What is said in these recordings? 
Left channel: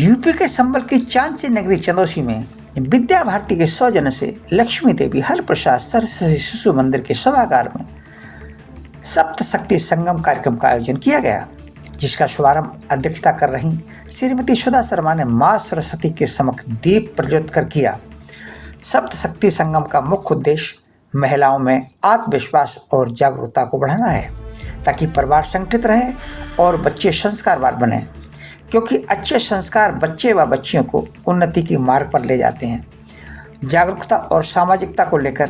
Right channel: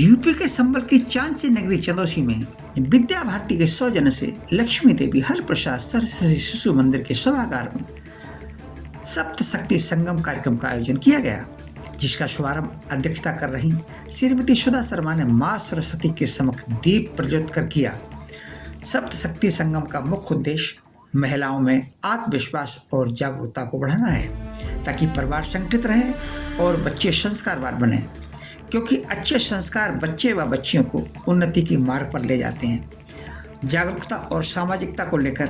UP के संबल की चांदसी नगरी चंदौसी में विद्या भारती के सौजन्य से लक्ष्मी देवी हर प्रसाद सरस्वती शिशु मंदिर के सभागार में सप्त शक्ति संगम कार्यक्रम का आयोजन किया गया, जिसका शुभारंभ अध्यक्षता कर रही श्रीमती सुधा शर्मा ने मां सरस्वती के समक्ष दीप प्रज्वलित कर किया। सप्त शक्ति संगम का मुख्य उद्देश्य महिलाओं में आत्मविश्वास और जागरूकता को बढ़ाना है, ताकि परिवार संगठित रहे और बच्चे संस्कारवान बने, क्योंकि अच्छे संस्कार बच्चे व बच्चियों को उन्नति के मार्ग पर ले जाते हैं। जागरूकता और सामाजिकता को लेकर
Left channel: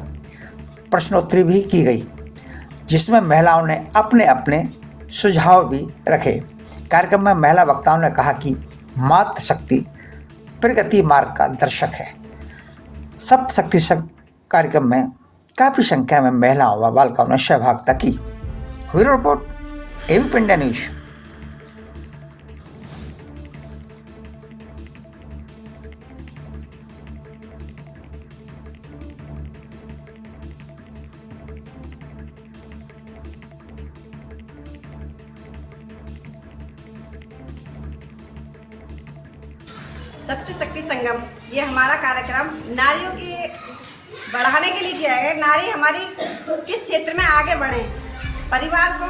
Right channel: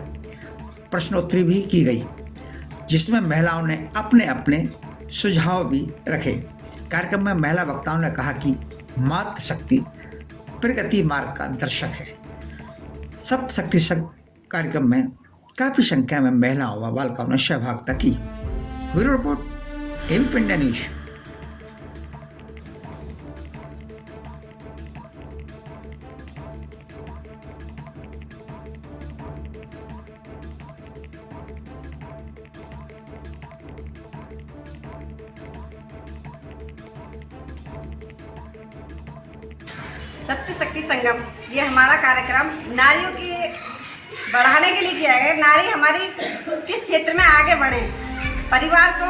प्रश्नोत्तरी भी की गई, जिसमें महिलाओं ने अपने अपने सुझाव भी रखे। कार्यक्रम में महिला वक्ताओं ने कहा कि मातृ शक्ति प्रगति मार्ग का दर्शक है। सप्त शक्ति कार्यक्रम में काफ़ी संख्या में महिलाओं व बालिकाओं ने सहभागिता की। Bureau report, ABP India news. सप्त शक्ति संगम ये हमारा कार्यक्रम नारियों की बढ़ाने के लिए किया है। नारी हमारी किस क्षेत्र में आगे बढ़े, परिवार को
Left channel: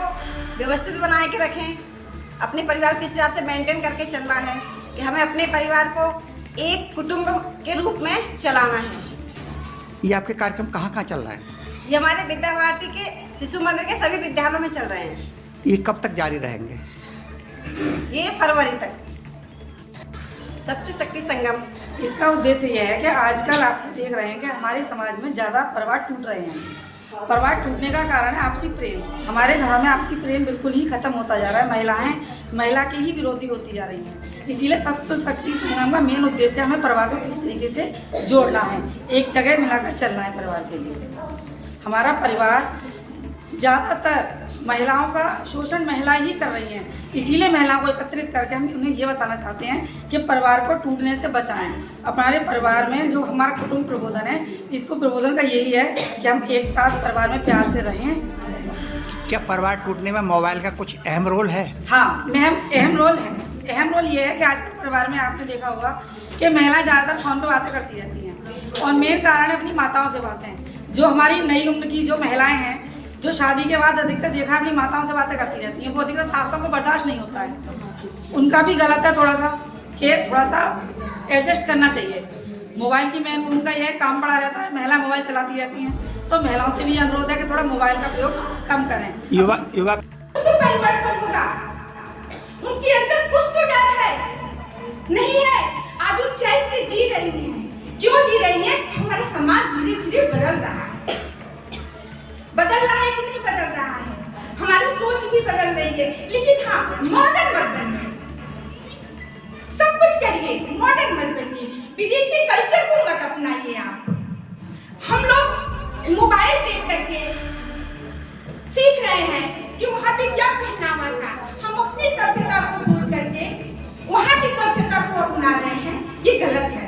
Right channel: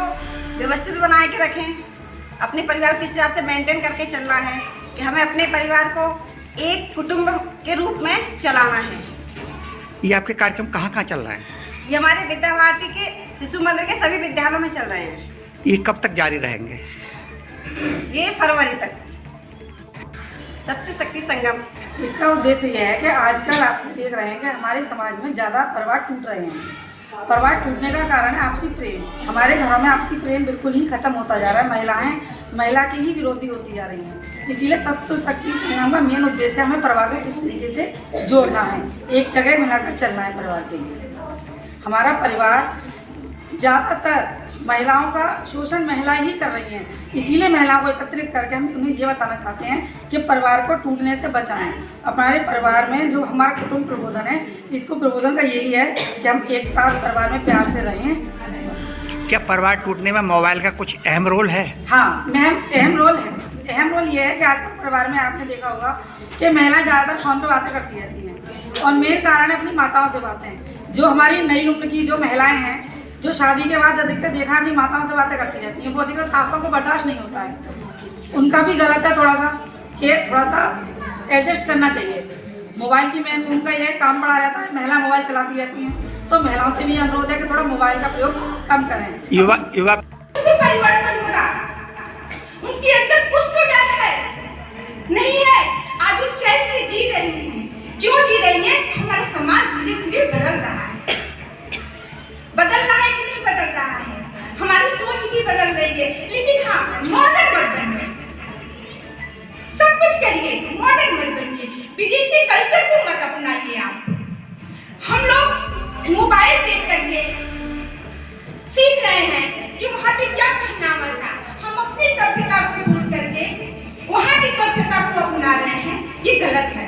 व्यवस्थित बनाए के रखें, अपने परिवार के हिसाब से मेंटेन करके चलना है कि हमें अपने परिवार को एक कुटुंब के रूप में चलाना है। ये आपके कार्यक्रम कहाँ कहाँ चल रहा है? ये हमारे विद्या भारती के शिशु मंदिर के सभी विद्यालयों में चल रहे हैं। ये कब तक जारी रहेंगे? ये फरवरी तक। सप्त शक्ति संगम इसका उद्देश्य यह है कि आजकल आप देख रहे हैं कि हमारे समाज में ज़्यादा परिवार टूट रहे हैं। परिवार टूटने का कारण है आपसी प्रेम। हमारे घरों में आपसी प्रेम बिल्कुल ही खत्म होता जा रहा है। महिलाएं महिला की ही विरोधी होती जा रही हैं। इसीलिए सप्त शक्ति संगम का मेन उद्देश्य हमें परिवार को किस तरीके से जोड़ना है, एक जगह मिलाकर चलना है परिवार के लिए। हमारा परिवार ज़्यादातर महिलाओं का शोषण महिलाएं ही कर रही हैं, इसीलिए महिलाओं को एकत्रित करके हम उन्हें ये बताना चाहते हैं कि परिवार को टूटने से बचाएं। हमारे परिवार में जो हमारा कुटुंब प्रबोधन है, इसको प्रबोधन का यही है कि हम एक साथ परिवार में प्यार से रहें। क्या परिवार टूटने में मोबाइल का कुछ अहम रोल है? हाँ, अहम रोल है। अहम रोल ये है कि आजकल परिवार में आपने देखा होगा कि महिलाएं ज़्यादातर फ़ोन पर बातें करती रहती हैं, और मेन कारण है अपनी माताओं से बातें। जो हमारी नई उम्र की जो महिलाएँ हैं, जो शादी के बाद अधिकतर देखा अपनी माताओं से बातें करती रहती हैं, वो अधिकतर सासों को बर्दाश्त नहीं होता है। उनका भी गलत है थोड़ा सा, कि थोड़ा सा एडजस्ट करना चाहिए। मोबाइल की मेन उनका यह काम पड़ा रहता है, महिला मोबाइल चलाती रहती हैं, तो महिलाओं से भी अनुरोध है कि थोड़ा मोबाइल का प्रयोग कम करें। युवा परिवर्तन होगा, उनके अंदर कुछ तो डर है, नहीं है। आज वो चैन से जी रही है। क्यों जी रही है? हमारा समाज धीरे धीरे बदल रहा है। बदल रहा है कि नहीं बदल रहा है? हमारी सोच भी बदल रही है, लेकिन हाँ, मॉडर्न मत बनिए। सब कुछ करिए, मॉडर्न मत बनिए। विदेशी कल्चर को मत अपनाइए आप। हम लोग मोबाइल देख करके सीख रहे हैं कि वहाँ पे क्या पहनावा था। हम अपनी सभ्यता को भूल करके वहाँ की सभ्यता को अपना रहे हैं। ये गलत है,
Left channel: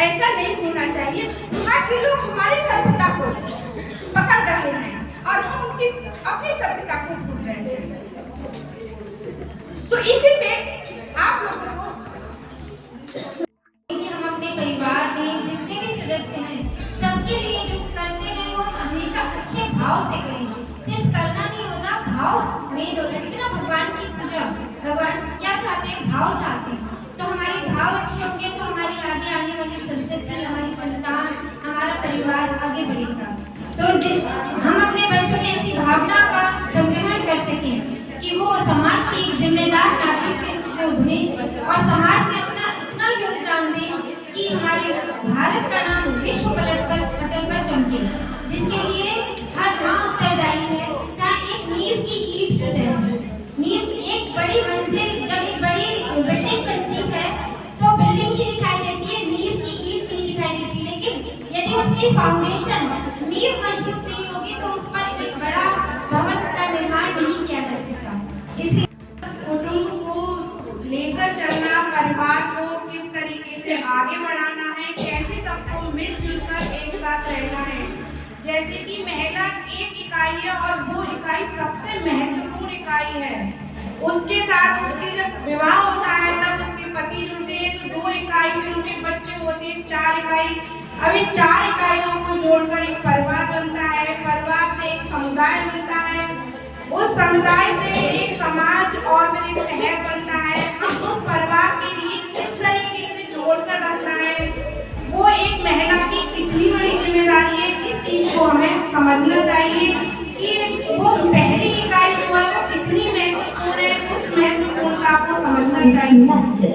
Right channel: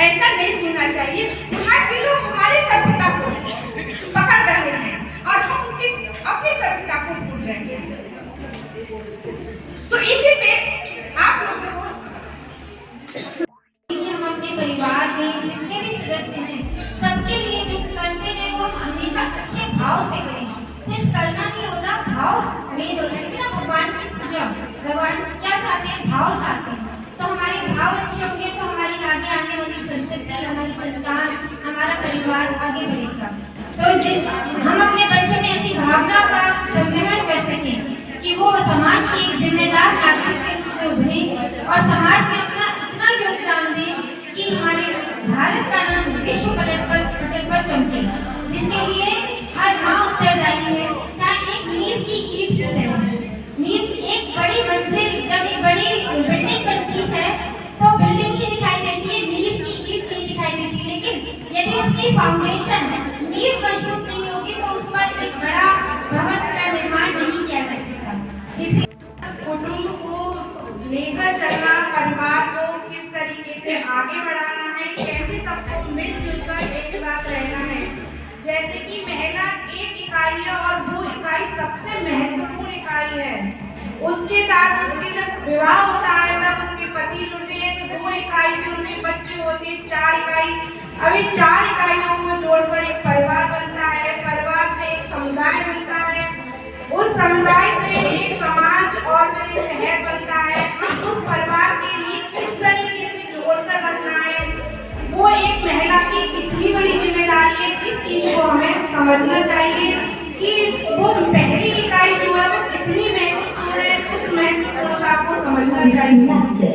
ऐसा नहीं होना चाहिए। वहाँ के लोग हमारी सभ्यता को पकड़ रहे हैं और हम उनकी अपनी सभ्यता को भूल रहे हैं। तो इसी पे आप लोगों को हम अपने परिवार में जितने भी सदस्य हैं, सबके लिए जो करते हैं वो हमेशा अच्छे भाव से करें। सिर्फ करना नहीं होता, भाव मेन होता है ना। भगवान की पूजा, भगवान क्या चाहते हैं? भाव चाहते हैं। तो हमारे भाव अच्छे होंगे तो हमारी आगे आने वाली संस्कृति, हमारी संस्कार, हमारा परिवार आगे बढ़ेगा। तो हम अपने बच्चों में ऐसी भावना का संक्रमण कर सकें कि वो समाज की एक जिम्मेदार नागरिक के रूप में उभरे और समाज में अपना इतना योगदान दें कि हमारे भारत का नाम विश्व पटल पर चमके, जिसके लिए हर गांव उत्तरदायी है। चाहे एक नींव की ईंट की तरह, नींव एक बड़ी मंजिल, जब एक बड़ी बिल्डिंग बनती है तो बिल्डिंग ही दिखाई देती है, नींव की ईंट नहीं दिखाई देती। लेकिन यदि उसकी फाउंडेशन नींव मजबूत नहीं होगी तो उस पर एक बड़ा भवन का निर्माण नहीं किया जा सकता। इसलिए कुटुंब को लेकर चलना, परिवार को किस तरीके से आगे बढ़ाना है, कैसे सबको मिलजुल कर एक साथ रहना है। जैसे कि महिला एक इकाई है और वो इकाई सबसे महत्वपूर्ण इकाई है। उसके साथ उसकी जब विवाह होता है तब उसके पति जुड़ते 4 इकाई। अब ये 4 इकाइयों को जोड़कर एक परिवार बनता है, परिवार से एक समुदाय बनता है, उस समुदाय से एक समाज और फिर एक शहर बनता है। हम उस परिवार के लिए किस तरीके से जोड़कर रखना है, वो एक महिला की कितनी बड़ी जिम्मेदारी है, इस चीज को हमें समझना चाहिए कि वो पहली इकाई जो है वो कितनी महत्वपूर्ण है, उस महत्वपूर्णता को समझना चाहिए।